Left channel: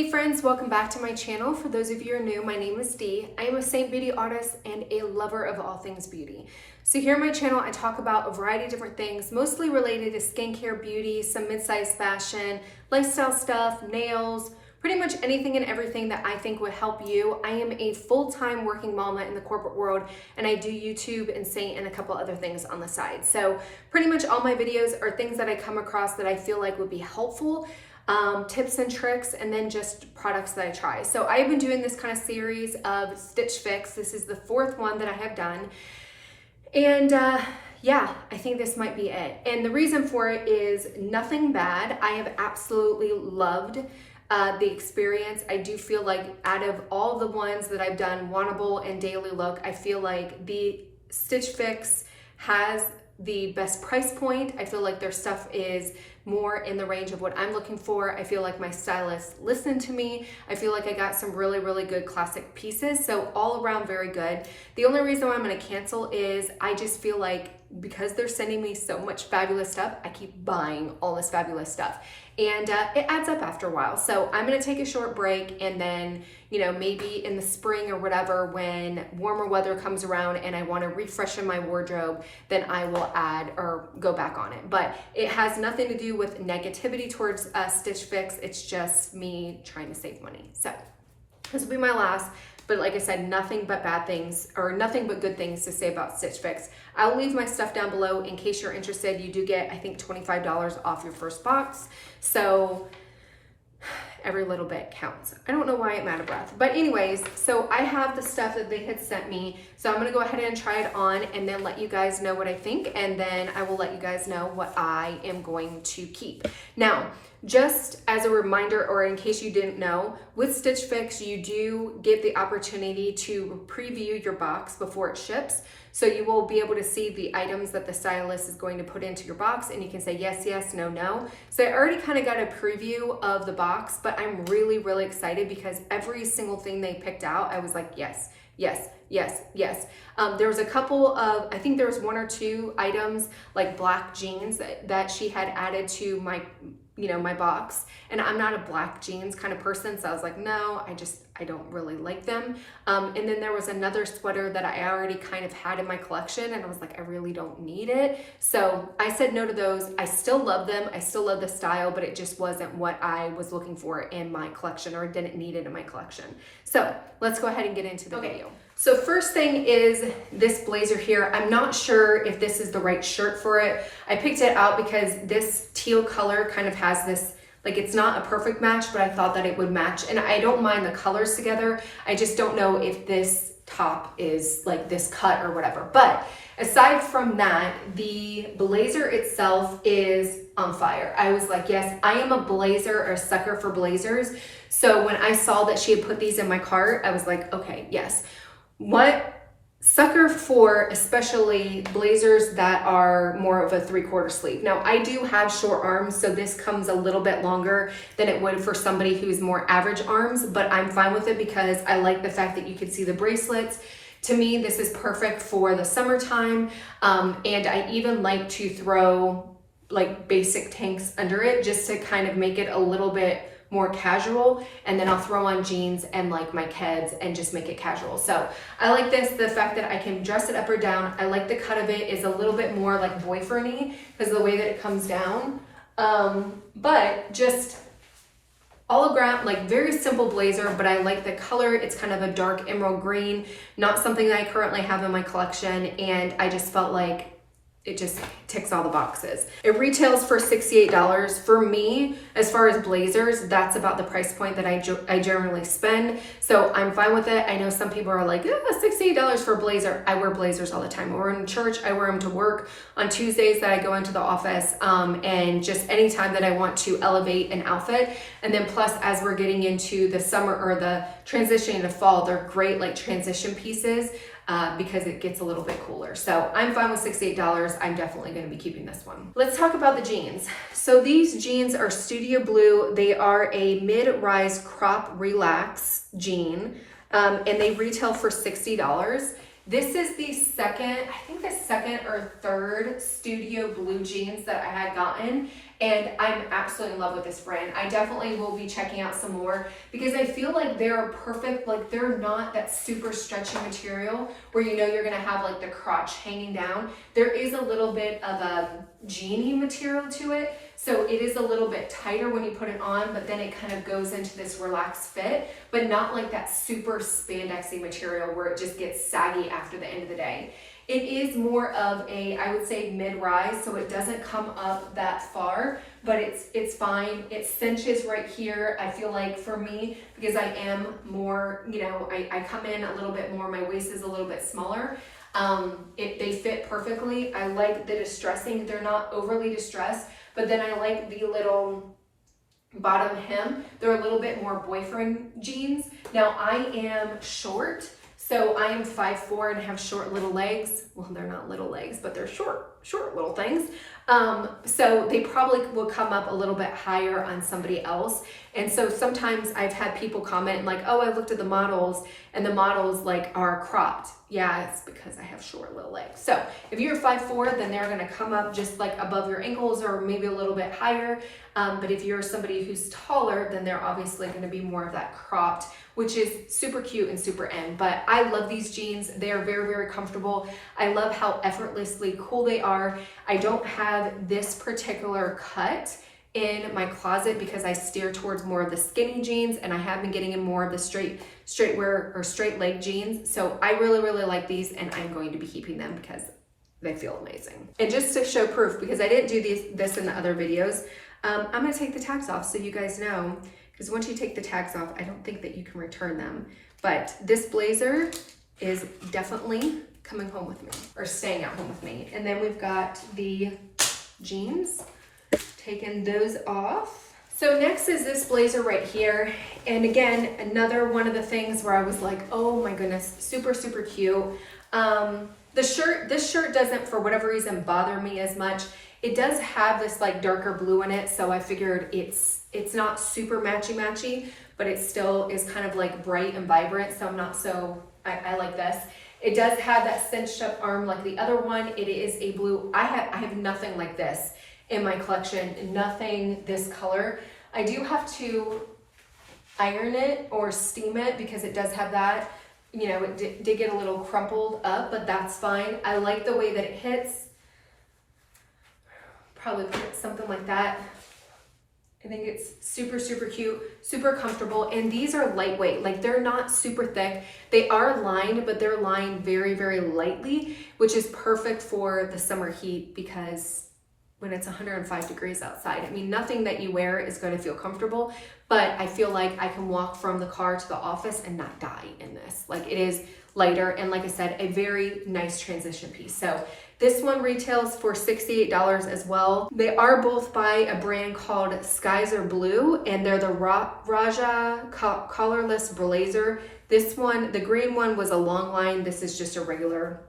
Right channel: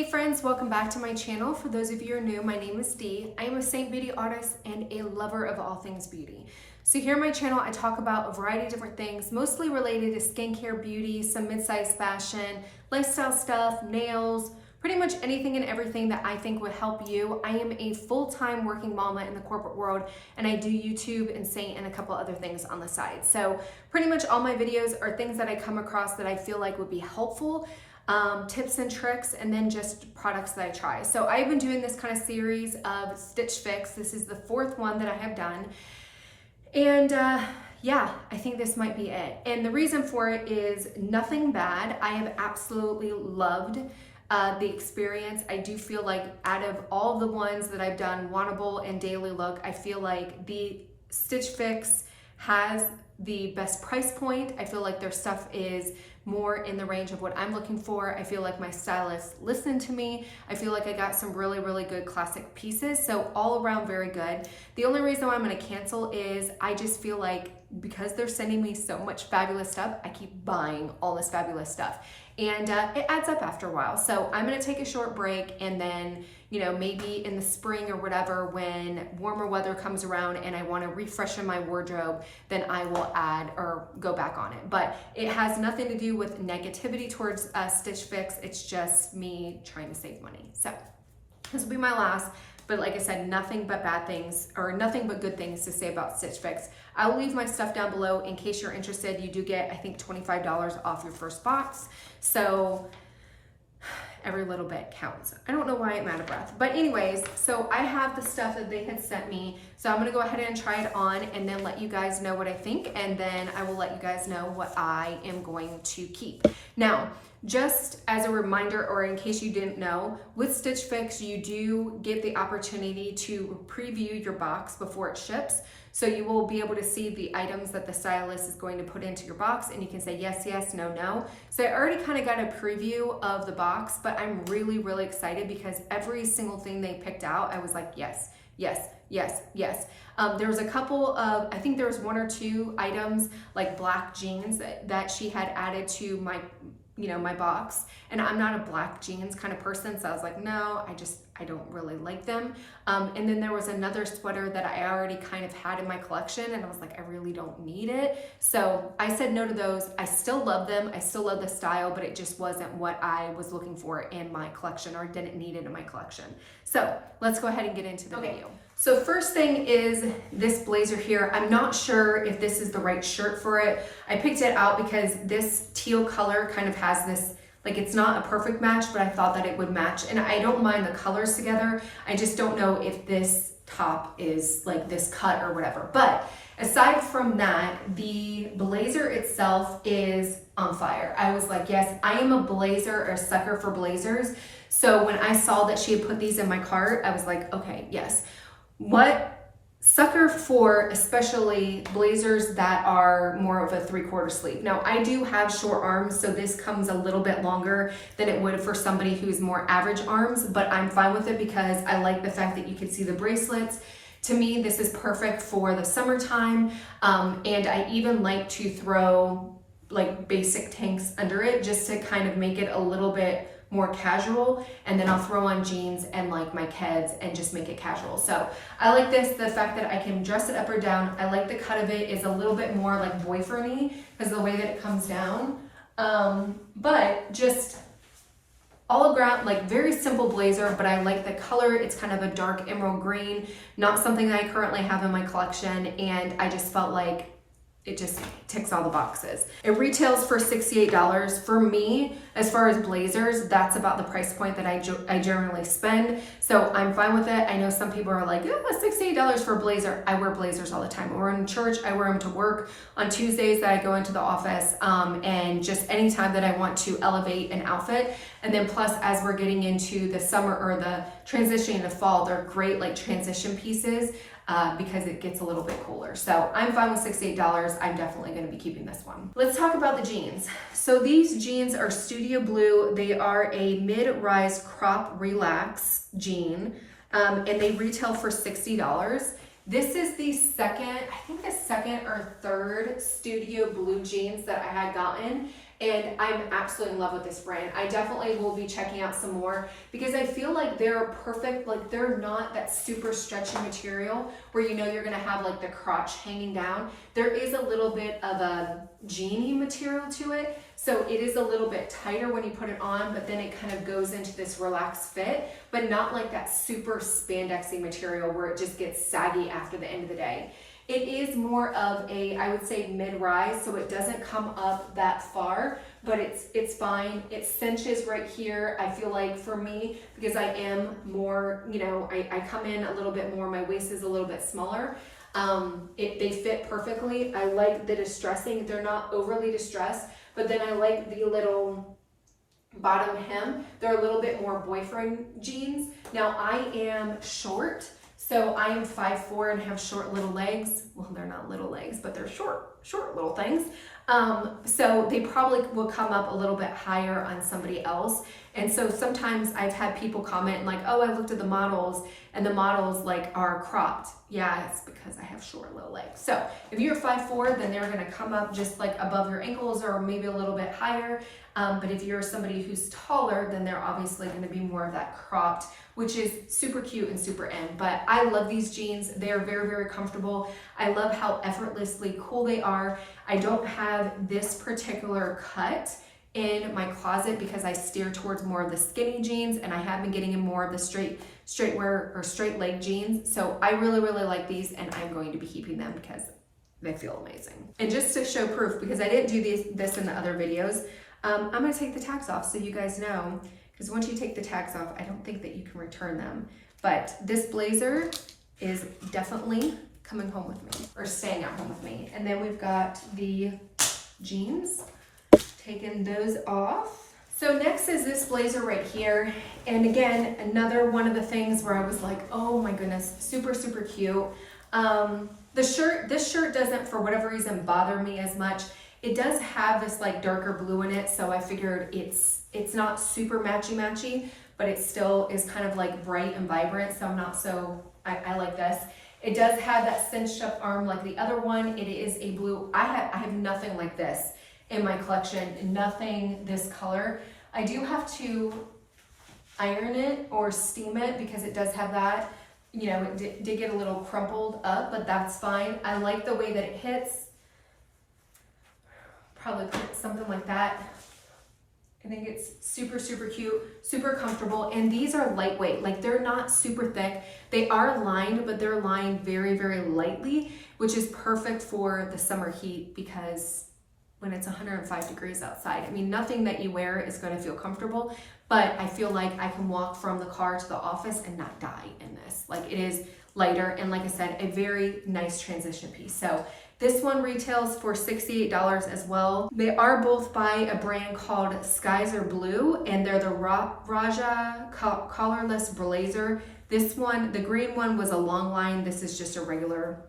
Hey friends, welcome back to my channel. For those of you who are new, my name is Dee. I am a Seint beauty artist and a lover of all things beauty. So here on my channel, I talk about a variety of different things, mostly related to skincare, beauty, some mid-size fashion, lifestyle stuff, nails, pretty much anything and everything that I think would help you. I am a full-time working mama in the corporate world, and I do YouTube and Seint and a couple other things on the side. So pretty much all my videos are things that I come across that I feel like would be helpful. Tips and tricks, and then just products that I try. So I've been doing this kind of series of Stitch Fix. This is the fourth one that I have done. And yeah, I think this might be it. And the reason for it is nothing bad. I have absolutely loved the experience. I do feel like out of all the ones that I've done, Wannable and Daily Look, I feel like the Stitch Fix has the best price point. I feel like their stuff is more in the range of what I'm looking for. I feel like my stylist listened to me. I feel like I got some really, really good classic pieces. So all around very good. The only reason why I'm gonna cancel is I just feel like because they're sending me so much fabulous stuff, I keep buying all this fabulous stuff. And it adds up after a while. So I'm gonna take a short break, and then, you know, maybe in the spring or whatever, when warmer weather comes around and I wanna refreshen my wardrobe, then I will add or go back on it. But it has nothing to do with negativity towards Stitch Fix. It's just me trying to save money. So this will be my last. But like I said, nothing but bad things, or nothing but good things to say about Stitch Fix. I'll leave my stuff down below in case you're interested. You do get, I think, $25 off your first box. So every little bit counts. I don't know why I'm out of breath. But anyways, so I have the stuff that they had sent me. So I'm gonna go ahead and try it on and then let you guys know what I think. And then I will let you guys know what I am going to keep. Now, just as a reminder, or in case you didn't know, with Stitch Fix, you do get the opportunity to preview your box before it ships. So you will be able to see the items that the stylist is going to put into your box, and you can say yes, yes, no, no. So I already kind of got a preview of the box, but I'm really, really excited because every single thing they picked out, I was like, yes, yes, yes, yes. There was a couple of, I think there was one or two items like black jeans that she had added to my, you know, my box, and I'm not a black jeans kind of person, so I was like, no, I don't really like them. And then there was another sweater that I already kind of had in my collection, and I was like, I really don't need it. So I said no to those. I still love them. I still love the style, but it just wasn't what I was looking for in my collection, or didn't need it in my collection. So let's go ahead and get into the video. So first thing is this blazer here. I'm not sure if this is the right shirt for it. I picked it out because this teal color kind of has this, like, it's not a perfect match, but I thought that it would match. And I don't mind the colors together. I just don't know if this top is like this cut or whatever. But aside from that, the blazer itself is on fire. I was like, yes, I am a blazer or a sucker for blazers. So when I saw that she had put these in my cart, I was like, okay, yes. What sucker for especially blazers that are more of a 3/4 sleeve. Now I do have short arms, so this comes a little bit longer than it would for somebody who's more average arms, but I'm fine with it because I like the fact that you can see the bracelets. To me, this is perfect for the summertime, and I even like to throw like basic tanks under it just to kind of make it a little bit more casual, and then I'll throw on jeans and like my Keds and just make it casual. So I like this, the fact that I can dress it up or down. I like the cut of it is a little bit more like boyfriend-y because of the way that it comes down. But just all around, like, very simple blazer, but I like the color. It's kind of a dark emerald green, not something that I currently have in my collection, and I just felt like it just ticks all the boxes. It retails for $68. For me, as far as blazers, that's about the price point that I generally spend. So I'm fine with it. I know some people are like, oh, $68 for a blazer. I wear blazers all the time. I wear them in church. I wear them to work on Tuesdays that I go into the office, and just anytime that I want to elevate an outfit. And then plus, as we're getting into the summer or the transition into fall, they're great like transition pieces. Because it gets a little bit cooler. So I'm fine with $68. I'm definitely gonna be keeping this one. Let's talk about the jeans. So these jeans are Studio Blue. They are a mid-rise crop relax jean, and they retail for $60. This is the second, I think the second or third Studio Blue jeans that I had gotten. and I'm absolutely in love with this brand. I definitely will be checking out some more because I feel like they're perfect. Like they're not that super stretchy material where you know you're gonna have like the crotch hanging down. There is a little bit of a jeany material to it. So it is a little bit tighter when you put it on, but then it kind of goes into this relaxed fit, but not like that super spandexy material where it just gets saggy after the end of the day. It is more of a, I would say, mid-rise, so it doesn't come up that far, but it's fine. It cinches right here. I feel like for me, because I am more, you know, I come in a little bit more, my waist is a little bit smaller. They fit perfectly. I like the distressing. They're not overly distressed, but then I like the little bottom hem. They're a little bit more boyfriend jeans. Now I am short, so I am 5'4" and have short little legs. Well, they're not little legs, but they're short little things. So they probably will come up a little bit higher on somebody else. And so sometimes I've had people comment like, oh, I looked at the models and the models like are cropped. Yeah, it's because I have short little legs. So if you're 5'4", then they're gonna come up just like above your ankles or maybe a little bit higher. But if you're somebody who's taller, then they're obviously gonna be more of that cropped, which is super cute and super in. But I love these jeans. They are very, very comfortable. I love how effortlessly cool they are. I don't have this particular cut in my closet because I steer towards more of the skinny jeans, and I have been getting in more of the straight wear or straight leg jeans. So I really, really like these, and I'm going to be keeping them because they feel amazing. And just to show proof, because I didn't do this in the other videos, I'm gonna take the tags off so you guys know, because once you take the tags off, I don't think that you can return them. But this blazer is definitely coming home with me, or staying at home with me. And then we've got the jeans, taking those off. So next is this blazer right here. And again, another one of the things where I was like, oh my goodness, super, super cute. This shirt doesn't, for whatever reason, bother me as much. It does have this like darker blue in it, so I figured it's not super matchy, but it still is kind of like bright and vibrant, so I'm not so, I like this. It does have that cinched up arm like the other one. It is a blue. I have nothing like this in my collection, nothing this color. I do have to iron it or steam it because it does have that, you know, it did get a little crumpled up, but that's fine. I like the way that it hits. Probably put something like that. I think it's super, super cute, super comfortable. And these are lightweight, like they're not super thick. They are lined, but they're lined very, very lightly, which is perfect for the summer heat because when it's 105 degrees outside, I mean, nothing that you wear is going to feel comfortable, but I feel like I can walk from the car to the office and not die in this. Like it is lighter. And like I said, a very nice transition piece. So this one retails for $68 as well. They are both by a brand called Skies Are Blue, and they're the Raja collarless blazer. This one, the green one, was a long line. This is just a regular,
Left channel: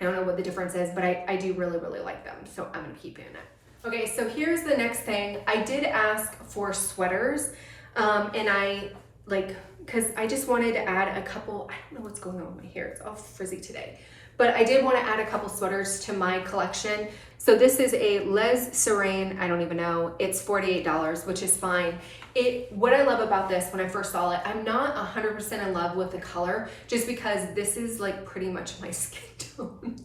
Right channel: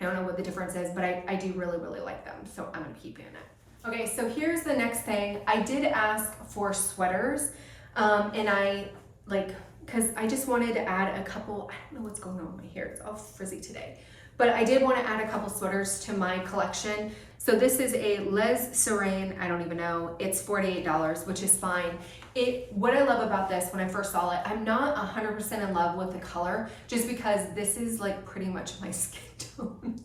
I don't know what the difference is, but I do really, really like them. So I'm gonna keep doing it. Okay, so here's the next thing. I did ask for sweaters, and because I just wanted to add a couple, I don't know what's going on with my hair. It's all frizzy today. But I did want to add a couple sweaters to my collection. So this is a Les Serene, I don't even know. It's $48, which is fine. What I love about this, when I first saw it, I'm not 100% in love with the color, just because this is like pretty much my skin tone.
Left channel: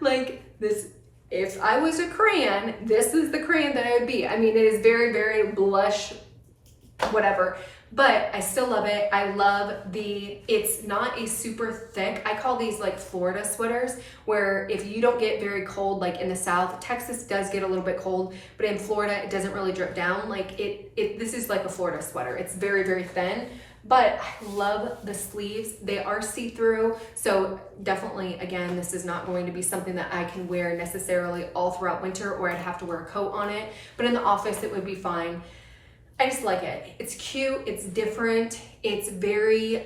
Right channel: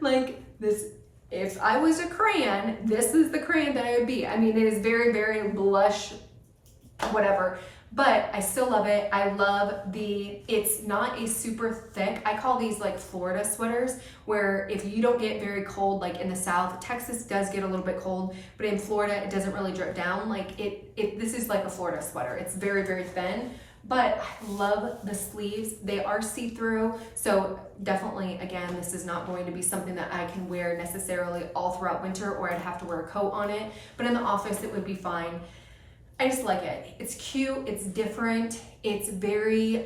Like this, if I was a crayon, this is the crayon that I would be. I mean, it is very, very blush, whatever. But I still love it. I love it's not a super thick, I call these like Florida sweaters, where if you don't get very cold, like in the South, Texas does get a little bit cold, but in Florida, it doesn't really drip down. Like this is like a Florida sweater. It's very, very thin, but I love the sleeves. They are see-through. So definitely, again, this is not going to be something that I can wear necessarily all throughout winter, or I'd have to wear a coat on it, but in the office, it would be fine. I just like it. It's cute, it's different, it's very,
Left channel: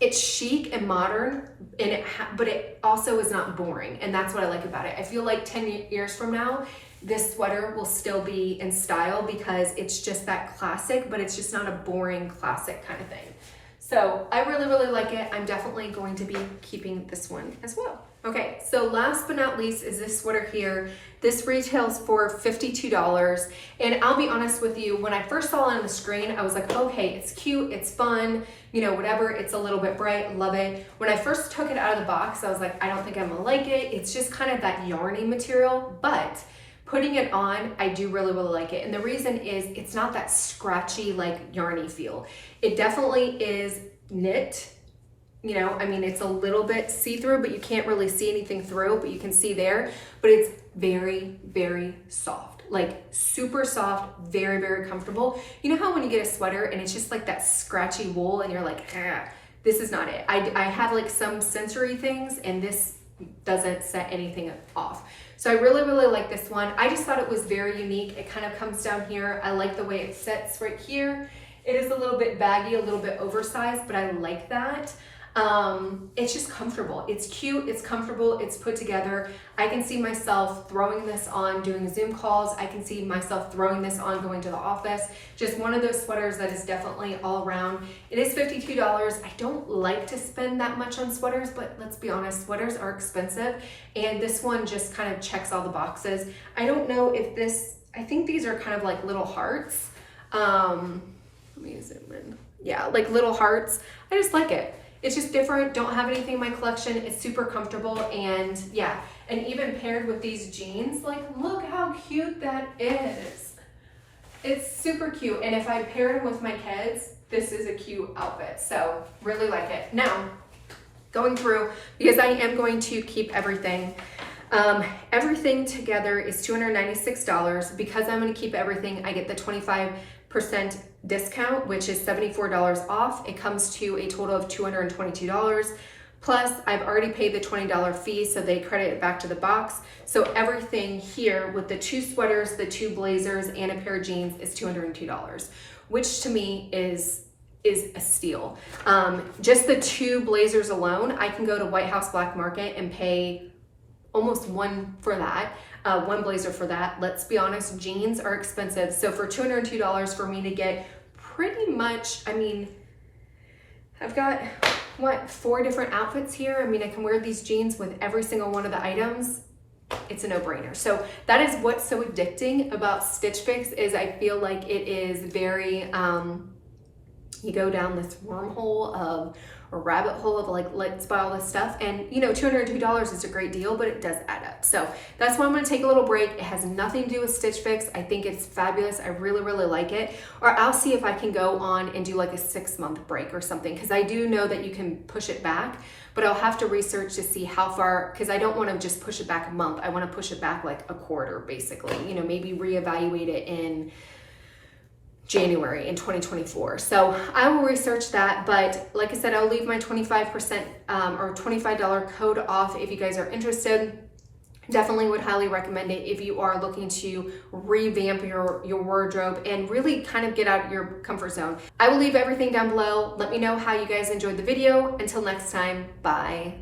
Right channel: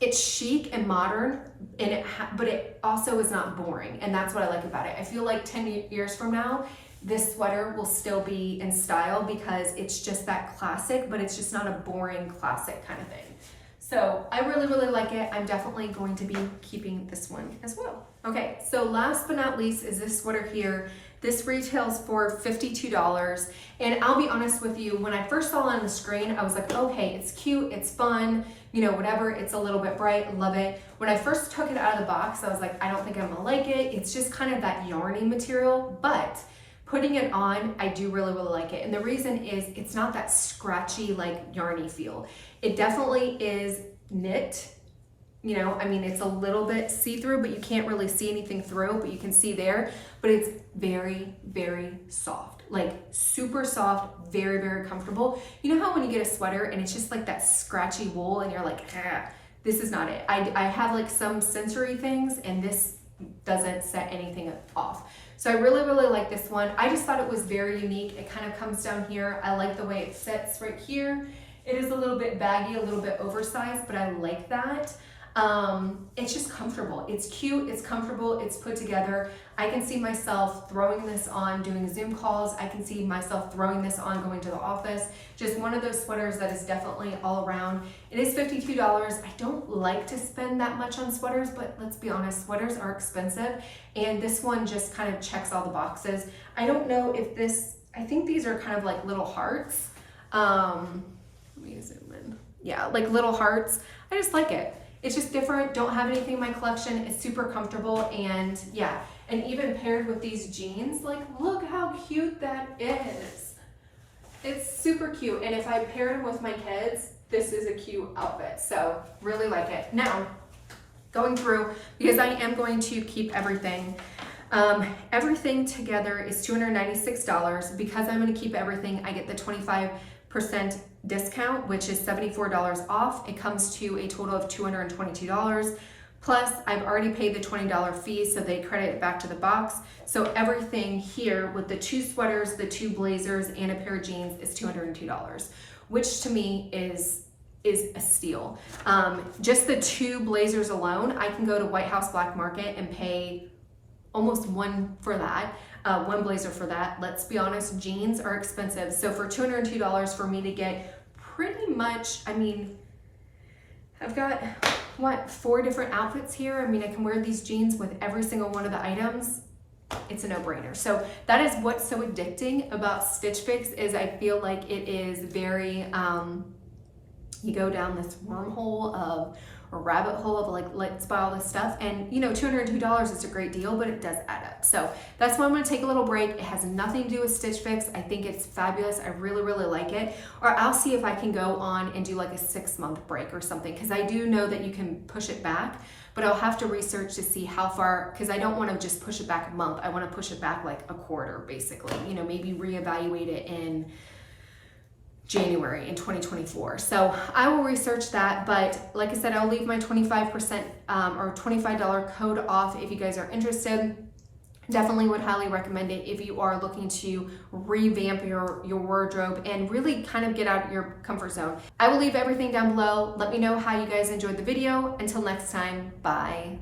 it's chic and modern, and but it also is not boring, and that's what I like about it. I feel like 10 years from now, this sweater will still be in style because it's just that classic, but it's just not a boring classic kind of thing. So I really, really like it. I'm definitely going to be keeping this one as well. Okay, so last but not least is this sweater here. This retails for $52. And I'll be honest with you, when I first saw it on the screen, I was like, okay, it's cute, it's fun, you know, whatever, it's a little bit bright, love it. When I first took it out of the box, I was like, I don't think I'm gonna like it. It's just kind of that yarny material, but putting it on, I do really, really like it. And the reason is it's not that scratchy, like yarny feel. It definitely is knit. You know, I mean, it's a little bit see-through, but you can't really see anything through, but you can see there, but it's very, very soft, like super soft, very, very comfortable. You know how when you get a sweater and it's just like that scratchy wool and you're like, this is not it. I have like some sensory things and this doesn't set anything off. So I really, really like this one. I just thought it was very unique. It kind of comes down here. I like the way it sits right here. It is a little bit baggy, a little bit oversized, but I like that. It's just comfortable. It's cute, it's comfortable, it's put together. I can see myself throwing this on doing Zoom calls. I can see myself throwing this on going to the office. Just one of those sweaters that is definitely all around. It is $52. I don't like to spend that much on sweaters, but let's be honest, sweaters are expensive. And this one just kind of checks all the boxes. I don't know if this, I think these are kind of like little hearts. Let me zoom in. Yeah, like little hearts. I just like it. It's just different, don't have anything in my collection. It's super comfortable and yeah. And even paired with these jeans, like look how cute that is. It's super cute. And if I paired them with my kids, this is a cute outfit. So really like it. Now, going through, because I am going to keep everything. Everything together is $296. Because I'm gonna keep everything, I get the 25% discount, which is $74 off. It comes to a total of $222. Plus, I've already paid the $20 fee, so they credit it back to the box. So everything here with the 2 sweaters, the 2 blazers, and a pair of jeans is $202, which to me is a steal. Just the 2 blazers alone, I can go to White House Black Market and pay almost one for that. One blazer for that. Let's be honest, jeans are expensive. So for $202 for me to get pretty much, I mean, I've got, what, 4 different outfits here. I mean, I can wear these jeans with every single one of the items. It's a no-brainer. So that is what's so addicting about Stitch Fix is I feel like it is very, you go down this wormhole of a rabbit hole of like, let's buy all this stuff. And you know, $202 is a great deal, but it does add up. So that's why I'm gonna take a little break. It has nothing to do with Stitch Fix. I think it's fabulous. I really, really like it. Or I'll see if I can go on and do like a 6-month break or something. Cause I do know that you can push it back, but I'll have to research to see how far, cause I don't wanna just push it back a month. I wanna push it back like a quarter basically, you know, maybe reevaluate it in January in 2024. So I will research that, but like I said, I'll leave my 25% or $25 code off if you guys are interested. Definitely would highly recommend it if you are looking to revamp your wardrobe and really kind of get out of your comfort zone. I will leave everything down below. Let me know how you guys enjoyed the video. Until next time, bye.